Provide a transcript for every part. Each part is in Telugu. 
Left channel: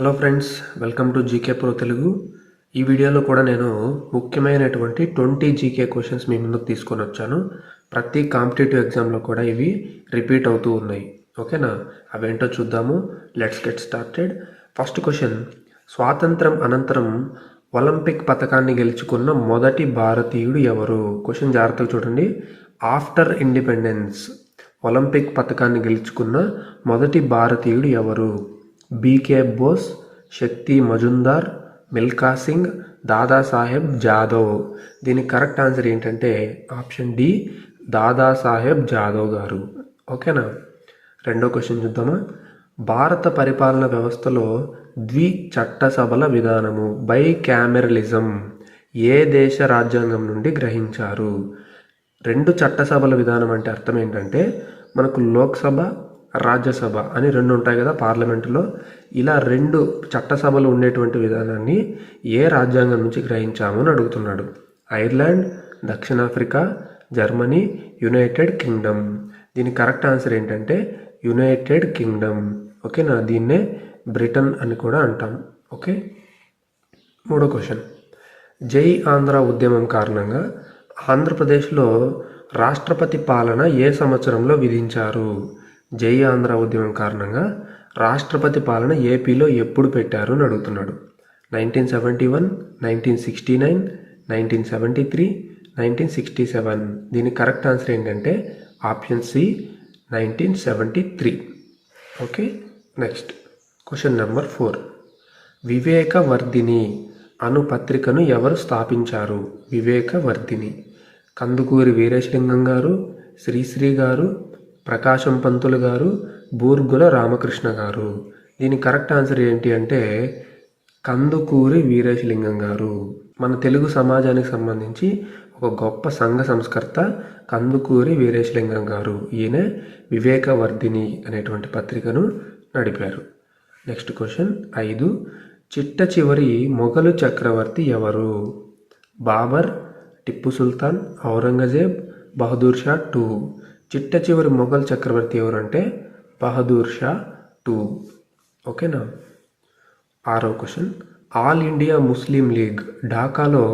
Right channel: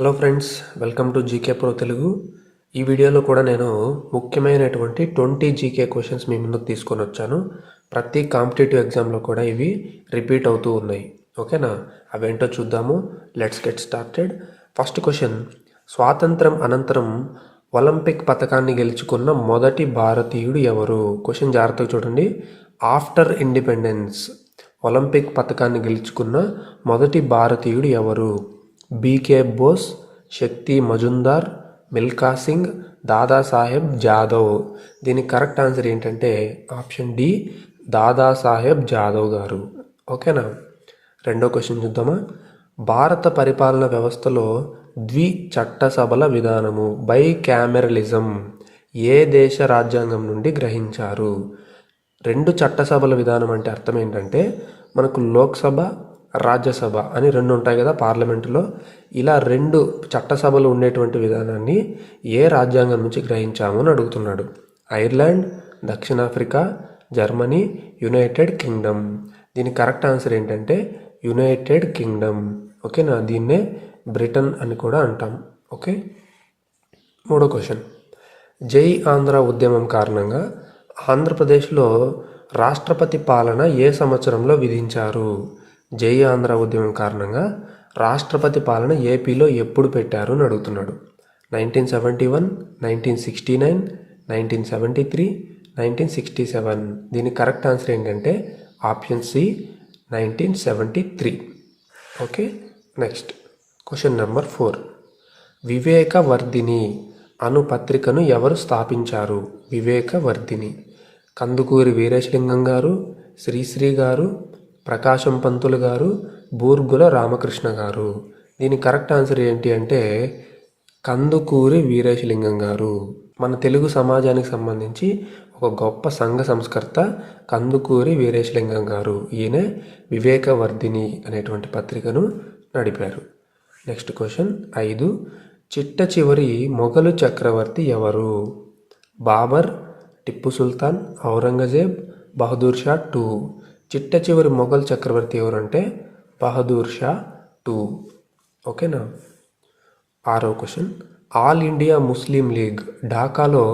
Hello friends, welcome to GK pro Telugu. ఈ వీడియోలో కూడా నేను ముఖ్యమైనటువంటి 20 జీకే క్వశ్చన్స్ మీ ముందుకు తీసుకొని వచ్చాను. ప్రతి కాంపిటేటివ్ ఎగ్జామ్లో కూడా ఇవి రిపీట్ అవుతూ ఉన్నాయి. ఓకేనా? అవేంటో చూద్దాము. Let's get started. First question: స్వాతంత్రం అనంతరం ఒలింపిక్ పథకాన్ని గెలుచుకున్న మొదటి భారతీయుడు ఎవరు? క్వశ్చన్ జాగ్రత్తగా చూడండి. ఆఫ్టర్ ఇండిపెండెన్స్ ఒలింపిక్ పథకాన్ని గెలుచుకున్న మొదటి భారతీయుడు ఎవరు? బీకే బోస్, శక్తి మజుందార్, మిల్కా సింగ్, దాదాసాహెబ్ జాదవ్. దీనికి కరెక్ట్ ఆన్సర్ ఏంటంటే ఆప్షన్ డి, దాదాసాహెబ్ జాదవ్ గారు. ఓకేనా? రెండో క్వశ్చన్ చూద్దామా. భారత పరిపాలన వ్యవస్థలో చట్టసభల విధానము బై క్యామెరలిజం ఏ దేశ రాజ్యాంగం నుండి గ్రహించారు? రెండు చట్టసభల విధానం అంటే అర్థం ఏంటంటే మనకు లోక్సభ, రాజ్యసభ అని రెండు ఉంటాయి కదా పార్లమెంటులో. ఇలా రెండు చట్టసభలు ఉండేటువంటి విధానాన్ని ఏ రాజ్యాంగం నుంచి గ్రహించాము అని అడుగుతున్నాడు. ఐర్లాండ్, దక్షిణాఫ్రికా, జర్మనీ, యునైటెడ్ కింగ్డమ్. దీని కరెక్ట్ ఆన్సర్ ఏంటంటే యునైటెడ్ కింగ్డమ్. ఓకేనా? దీన్నే బ్రిటన్ అని కూడా అంటాం. ఓకే. మూడో క్వశ్చన్: జై ఆంధ్ర ఉద్యమం కారణంగా ఆంధ్రప్రదేశ్లో రాష్ట్రపతి పాలన ఏ సంవత్సరంలో విధించారు? జై ఆంధ్ర ఉద్యమం కారణంగా రాష్ట్రపతి పాలన ఏపీలో ఎప్పుడు పెట్టారు అని అడుగుతున్నాడు. 1971, 1969, 1973, 1967. దీని కరెక్ట్ ఆన్సర్ ఏంటంటే option C, 1973. Okay. Next question number 4. Vivekavardhini అను పత్రికను ఎవరు స్థాపించారు? వివేకవర్ధిని కందుకూరి వీరేశలింగం గారు, శ్రీశ్రీ గారు, ప్రకాశం పంతులు గారు, బూర్గుల రామకృష్ణ గారు. దీని కరెక్ట్ ఆన్సర్ ఏంటి అంటే కందుకూరి వీరేశలింగం గారు. మన తెలుగు సమాజానికి సంబంధించి ఒక గొప్ప సంఘ సంస్కర్త కందుకూరి వీరేశలింగం గారు. ఈయన వివేకవర్ధిని అనేటువంటి పత్రికను నడిపారు. Next question 5. చిట్ట చివరి మొఘలు చక్రవర్తి ఎవరు? బాబర్, టిప్పు సుల్తాన్, ఔరంగజేబ్, బహదూర్ షా టూ. చిట్ట చివరి మొఘల్ చక్రవర్తి ఎవరంటే బహదూర్ షా టూ. ఓకేనా? 6వ question: all India Muslim League ఢాకాలో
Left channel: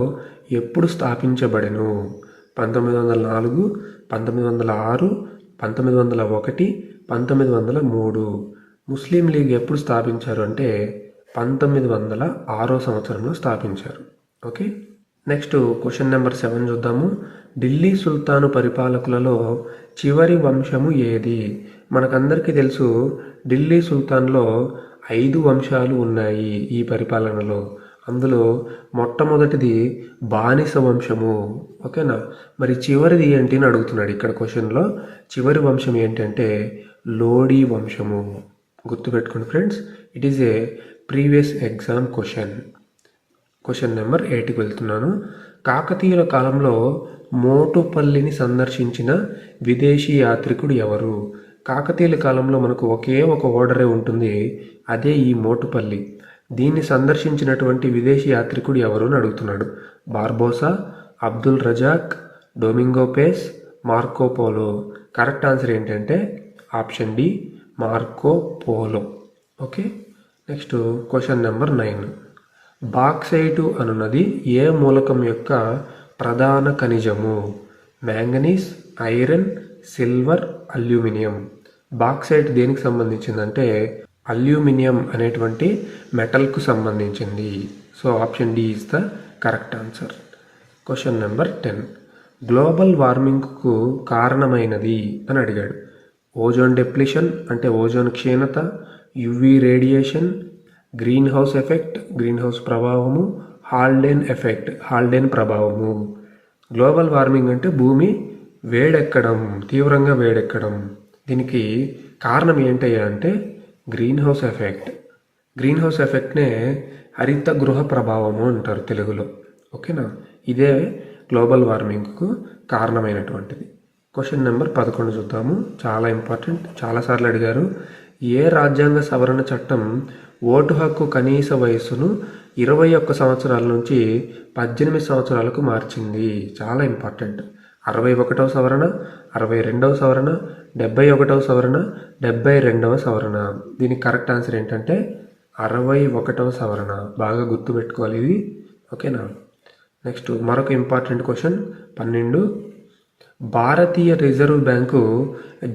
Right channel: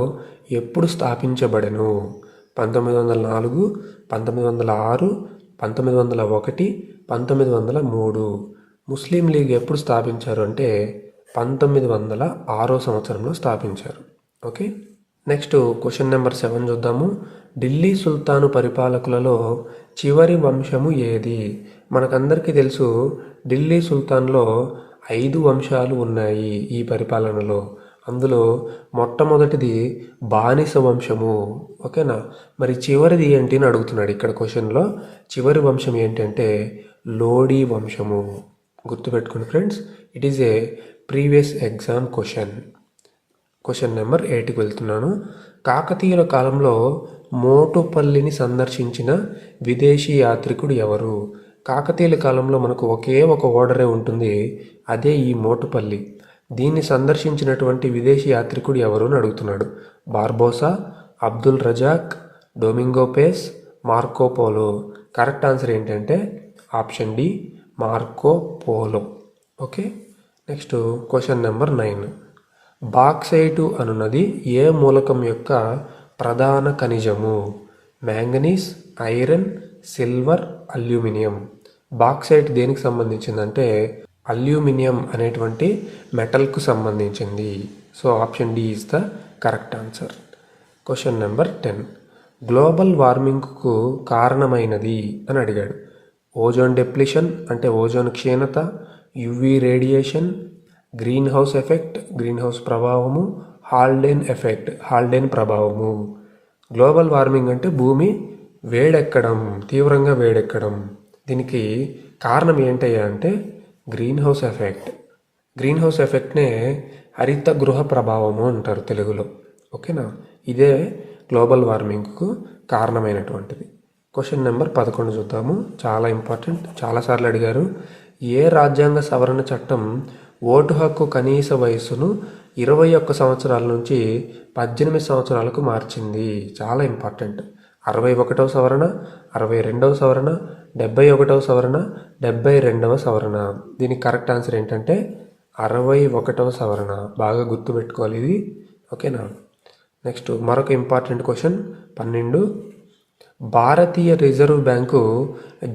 ఎప్పుడు స్థాపించబడెను? 1904, 1906, 1901, 1903. ముస్లిం లీగ్ ఎప్పుడు స్థాపించారు అంటే 1906 సంవత్సరంలో స్థాపించారు. ఓకే. నెక్స్ట్ క్వశ్చన్ నెంబర్ 7 చూద్దాము. ఢిల్లీ సుల్తాను పరిపాలకులలో చివరి వంశము ఏది? మనకందరికీ తెలుసు ఢిల్లీ సుల్తాన్లో 5 వంశాలు ఉన్నాయి ఈ పరిపాలనలో. అందులో మొట్టమొదటిది బానిస వంశము. ఓకేనా? మరి చివరిది ఏంటి అని అడుగుతున్నాడు ఇక్కడ క్వశ్చన్లో. చివరి వంశం ఏంటంటే లోడీ వంశము. గుర్తుపెట్టుకోండి friends, it is a previous exam question. Question number 8కి వెళ్తున్నాను. కాకతీయుల కాలంలో మోటుపల్లిని సందర్శించిన విదేశీ యాత్రికుడు ఎవరు? కాకతీయుల కాలంలో మనకు ఒకే ఒక ఓడరే ఉంటుంది, అదే ఈ మోటుపల్లి. దీన్ని సందర్శించినటువంటి విదేశీ యాత్రికుడు ఎవరు అని అడుగుతున్నాడు. Barbosa, Abdul Razzaq, Domingo Paes, Marco Polo. Correct answer ఏంటంటే option D, Marco Polo. Okay. Next question number 9. Bauxite అనున్నది ఏ మూలకం యొక్క ప్రధాన ఖనిజము? Manganese, iron, silver, aluminium. Bauxite దేనికి సంబంధించిందంటే అల్యూమినియం అనేటువంటి మెటల్కు సంబంధించింది. So option D is the correct answer. Question number 10. Global వార్మింగ్కు కారణమైనది అని అడిగాడు. ఓజోన్ డెప్లిషన్ అంటే ఓజోన్ క్షీణత, UV radiation, greenhouse effect greenhouse ప్రభావము, హాల్డేన్ ఎఫెక్ట్ హాల్డేన్ ప్రభావము. గ్లోబల్ వార్మింగ్ అంటే భూమి వేడెక్కడం, తీవ్రంగా వేడెక్కడం. దీనికి కారణం ఏంటయ్యా అంటే greenhouse effect. Greenhouse ఎఫెక్ట్నే హరిత గృహ ప్రభావము అంటారు తెలుగులో. ఓకేనా? ఇదే గ్లోబల్ వార్మింగ్కు కారణమైనటువంటిది. క్వశ్చన్ నెంబర్ 11 చూద్దాము. చాలా ఇంపార్టెంట్, చాలాసార్లు అడిగారు. ఏ రాజ్యాంగ సవరణ చట్టం ఓటు హక్కు కనీస వయస్సును 21 సంవత్సరాల నుంచి 18 సంవత్సరాలకు మార్చింది? చాలా ఇంపార్టెంట్. 61వ సవరణ, 62వ సవరణ, 71వ సవరణ, 72వ సవరణ. దీనికి కరెక్ట్ ఆన్సర్ ఏంటంటే 61వ సవరణ. బాగా గుర్తుపెట్టుకోవాలి ఇది, ఓకేనా. నెక్స్ట్ మరొక ఇంపార్టెంట్ క్వశ్చన్ 12. భారతీయ రిజర్వ్ బ్యాంకు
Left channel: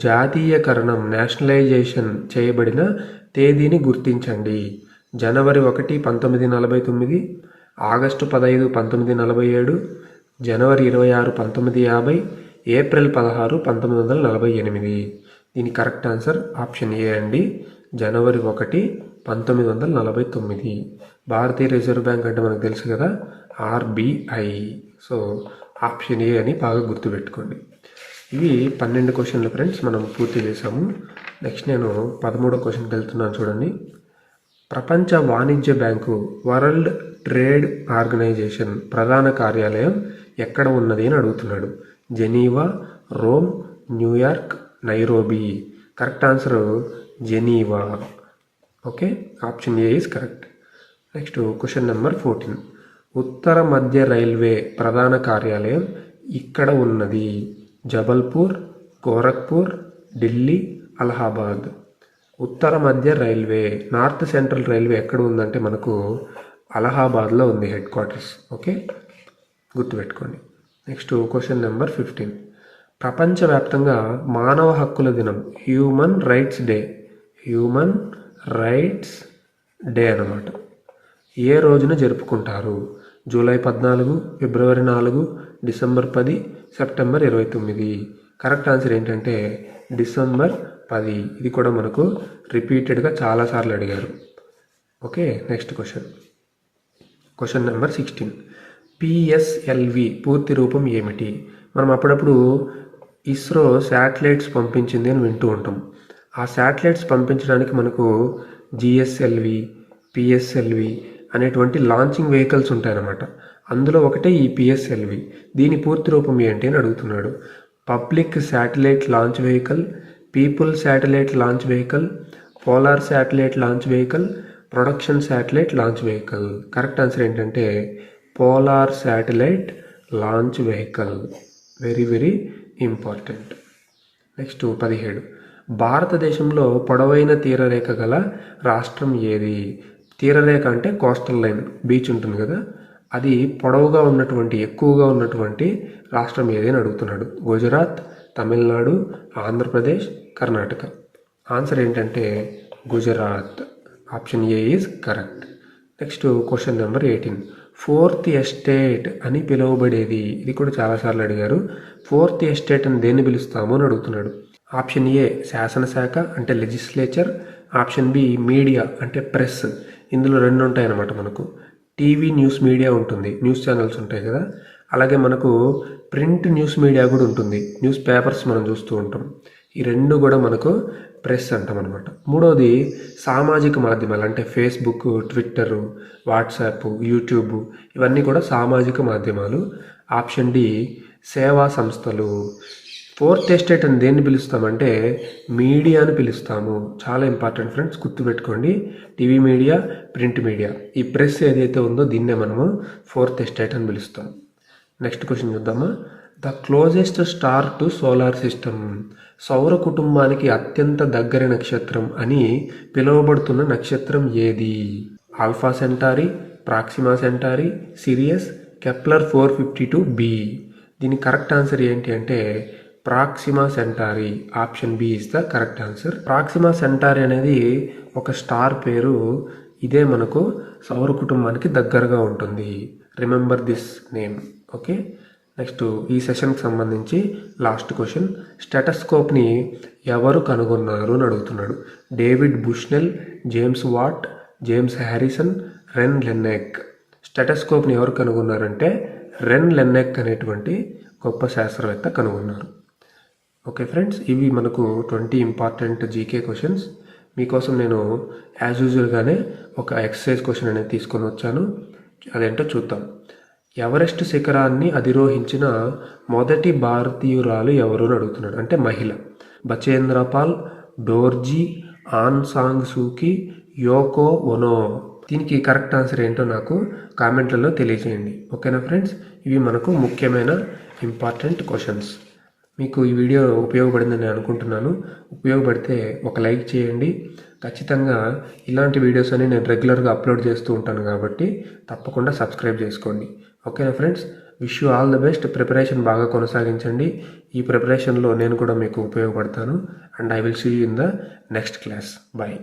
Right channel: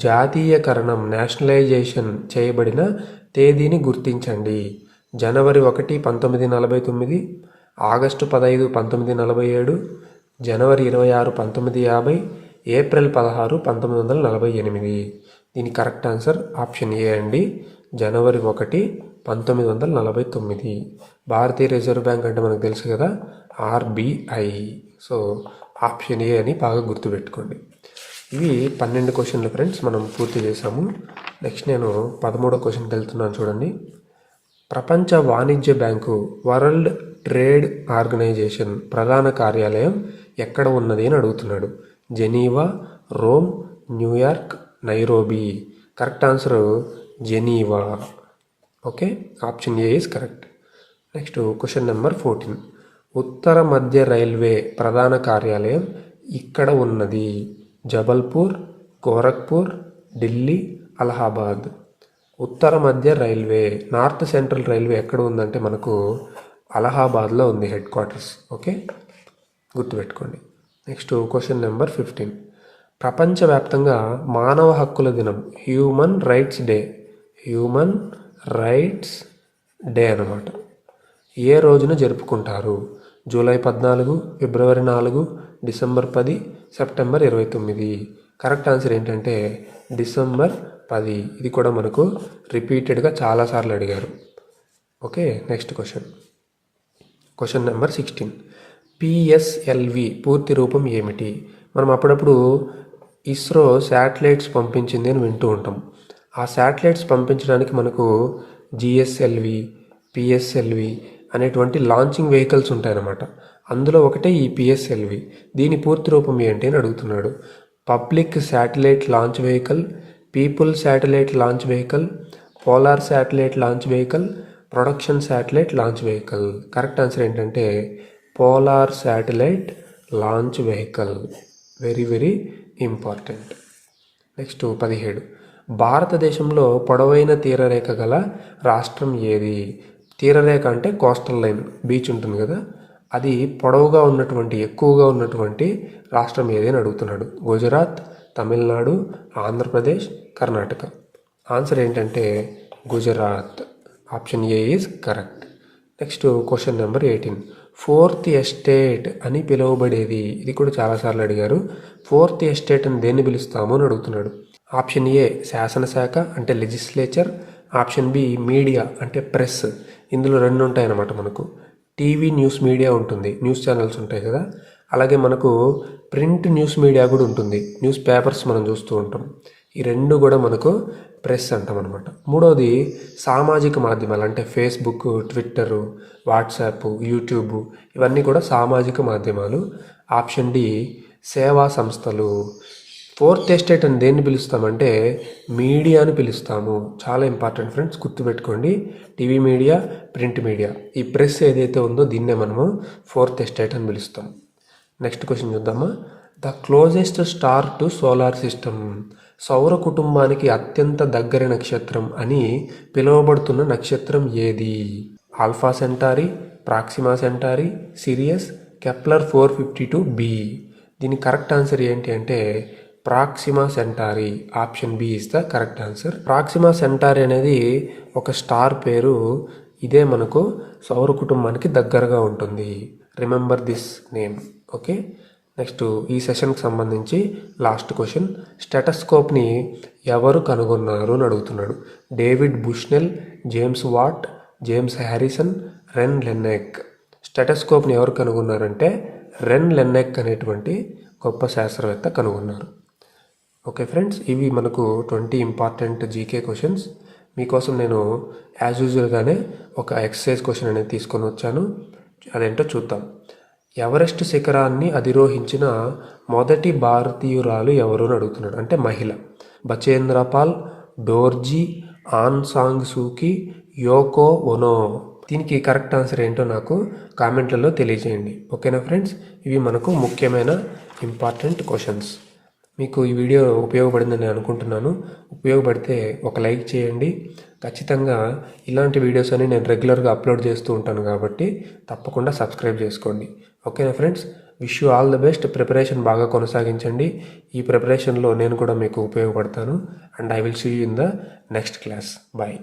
జాతీయకరణం నేషనలైజేషన్ చేయబడిన తేదీని గుర్తించండి. జనవరి 1, 1949, ఆగస్టు 15, 1947, జనవరి 26, 1950, ఏప్రిల్ 16, 1948. దీని కరెక్ట్ ఆన్సర్ ఆప్షన్ ఏ అండి, జనవరి 1, 1949. భారతీయ రిజర్వ్ బ్యాంక్ అంటే మనకు తెలుసు కదా, ఆర్బిఐ. సో ఆప్షన్ ఏ అని బాగా గుర్తుపెట్టుకోండి. ఇవి 12 క్వశ్చన్లు ఫ్రెండ్స్, మనం పూర్తి చేసాము. నెక్స్ట్ నేను 13వ క్వశ్చన్కి వెళ్తున్నాను చూడండి. ప్రపంచ వాణిజ్య బ్యాంకు వరల్డ్ ట్రేడ్ ఆర్గనైజేషన్ ప్రధాన కార్యాలయం ఎక్కడ ఉన్నది అని అడుగుతున్నాడు. Geneva, Rome, New York, Nairobi. Correct answer Geneva. Okay, option A is correct. Next question number 14. ఉత్తర మధ్య రైల్వే ప్రధాన కార్యాలయం ఇక్కడ ఉన్నది. జబల్పూర్, గోరఖ్పూర్, ఢిల్లీ, అలహాబాద్. ఉత్తర మధ్య రైల్వే, నార్త్ సెంట్రల్ రైల్వే ఎక్కడ ఉందంటే మనకు అలహాబాద్లో ఉంది హెడ్ క్వార్టర్స్. ఓకే, గుర్తుపెట్టుకోండి. Next question number 15. ప్రపంచవ్యాప్తంగా మానవ హక్కుల దినం హ్యూమన్ రైట్స్ డే అన్నమాట. ఏ రోజున జరుపుకుంటారు? జూలై 14, ఫిబ్రవరి 4, డిసెంబర్ 10, సెప్టెంబర్ 29. కరెక్ట్ ఆన్సర్ ఏంటంటే డిసెంబర్ 10. ఇది కూడా మనకు రిపీటెడ్గా చాలాసార్లు అడిగారు. Okay, next question number 16. PSLV పూర్తి రూపం ఏమిటి? మనం అప్పుడప్పుడు ఇస్రో శాటిలైట్స్ పంపించింది అని వింటూ ఉంటాం. ఆ శాటిలైట్స్ పంపించడానికి మనకు జిఎస్ఎల్వి, పిఎస్ఎల్వి అనేటువంటి లాంచింగ్ వెహికల్స్ ఉంటాయన్నమాట. అందులో ఒకటే ఈ పిఎస్ఎల్వి. దీని పూర్తి రూపం ఏంటి అని అడుగుతున్నాడు. Public satellite launch vehicle, people satellite launch vehicle, polar satellite launch vehicle, production satellite launch vehicle. Correct answer ఏంటంటే polar satellite launch vehicle. Very very important. Next 17. భారతదేశంలో పొడవైన తీరరేఖ గల రాష్ట్రం ఏది? తీరరేఖ అంటే కోస్టల్ లైన్, బీచ్ ఉంటుంది కదా, అది పొడవుగా ఉన్నటువంటి, ఎక్కువగా ఉన్నటువంటి రాష్ట్రం ఏది అని అడుగుతున్నాడు. గుజరాత్, తమిళనాడు, ఆంధ్రప్రదేశ్, కర్ణాటక. ఆన్సర్ ఏంటంటే Gujarat. Option A is correct. Next question number 18. Fourth estate అని పిలువబడేది. ఇది కూడా చాలాసార్లు అడిగారు. ఫోర్త్ ఎస్టేట్ అని దేన్ని పిలుస్తాము అని అడుగుతున్నాడు. ఆప్షన్ ఏ శాసనశాఖ అంటే లెజిస్లేచర్, ఆప్షన్ బి మీడియా అంటే ప్రెస్. ఇందులో 2 ఉంటాయన్నమాట. మనకు టీవీ న్యూస్ మీడియా ఉంటుంది, న్యూస్ ఛానల్స్ ఉంటాయి కదా, అలాగే మనకు ప్రింట్ న్యూస్ మీడియా కూడా ఉంటుంది, న్యూస్ పేపర్స్ మనం చూస్తూ ఉంటాం. ఈ 2 కూడా మనకు ప్రెస్ అంటాం అనమాట. 3వది సామాజిక మాధ్యమాలు అంటే ఫేస్బుక్, ట్విట్టర్, వాట్సాప్, యూట్యూబ్, ఇవన్నీ కూడా సామాజిక మాధ్యమాలు. ఆప్షన్ డి సేవా సంస్థలు. ఫోర్త్ ఎస్టేట్ అని దేన్ని పిలుస్తామంటే మీడియాని పిలుస్తాము. చాలా ఇంపార్టెంట్ ఫ్రెండ్స్, గుర్తుపెట్టుకోండి. టీవీ మీడియా, ప్రింట్ మీడియా, ఈ ప్రెస్ ఏదైతే ఉందో దీన్నే మనము ఫోర్త్ ఎస్టేట్ అని పిలుస్తాం. నెక్స్ట్ క్వశ్చన్ చూద్దామా. The closest star to solar system. సౌర కుటుంబానికి అత్యంత దగ్గర నక్షత్రం అని పిలువబడుతున్న నక్షత్రం ఏది? Alpha Centauri, Proxima Centauri, Sirius, Kepler 452b. దీని కరెక్ట్ ఆన్సర్ ఏంటి అంటే Proxima Centauri. Option B is the correct answer. Proxima Centauri అనేది ఒక స్టార్ పేరు. ఇదే మనకు సౌర కుటుంబానికి దగ్గరగా ఉంటుంది. Remember this name. Okay, next ఈ సెషన్కి సంబంధించి లాస్ట్ క్వశ్చన్. స్టెటస్కోప్ని ఎవరు కనుగొన్నారు అని అడుగుతున్నాడు. David Bushnell, James Watt, James Harrison, Rene Laennec. స్టెటస్కోప్ని ఎవరు కనుగొన్నారంటే రెన్ లెన్నెక్ అనేటువంటి గొప్ప శాస్త్రవేత్త కనుగొన్నారు. ఓకే ఫ్రెండ్స్, ఇవి మనకు 20 ఇంపార్టెంట్ జీకే క్వశ్చన్స్. మీకోసం నేను యాజ్ యూజువల్గానే ఒక ఎక్సర్సైజ్ క్వశ్చన్ అనేది తీసుకొని వచ్చాను. అదేంటో చూద్దాం. ఎవరెస్ట్ శిఖరాన్ని అధిరోహించిన మొదటి భారతీయురాలు ఎవరు అని అడుగుతున్నాడు. అంటే మహిళ. Bachendri Pal, Dorjee, Aung San Suu Kyi, Yoko Ono. దీనికి కరెక్ట్ ఆన్సర్ ఏంటో నాకు కామెంట్లలో తెలియజేయండి. ఓకేనా ఫ్రెండ్స్, ఇవి మనకు ముఖ్యమైన ఇంపార్టెంట్ క్వశ్చన్స్. మీకు ఈ వీడియో ఉపయోగపడిందని నేను అనుకుంటున్నాను. ఉపయోగపడితే ఒక లైక్ చేయండి. ఖచ్చితంగా ఇలాంటి వీడియోస్ అని నేను రెగ్యులర్గా అప్లోడ్ చేస్తూ ఉంటాను కాబట్టి తప్పకుండా సబ్స్క్రైబ్ చేసుకోండి. ఓకేనా friends, wish you all the best. Preparation బాగా కొనసాగించండి. ఈ ప్రిపరేషన్లో నేను కూడా మీకు ఉపయోగపడతాను. And I will see you in the next class. Bye.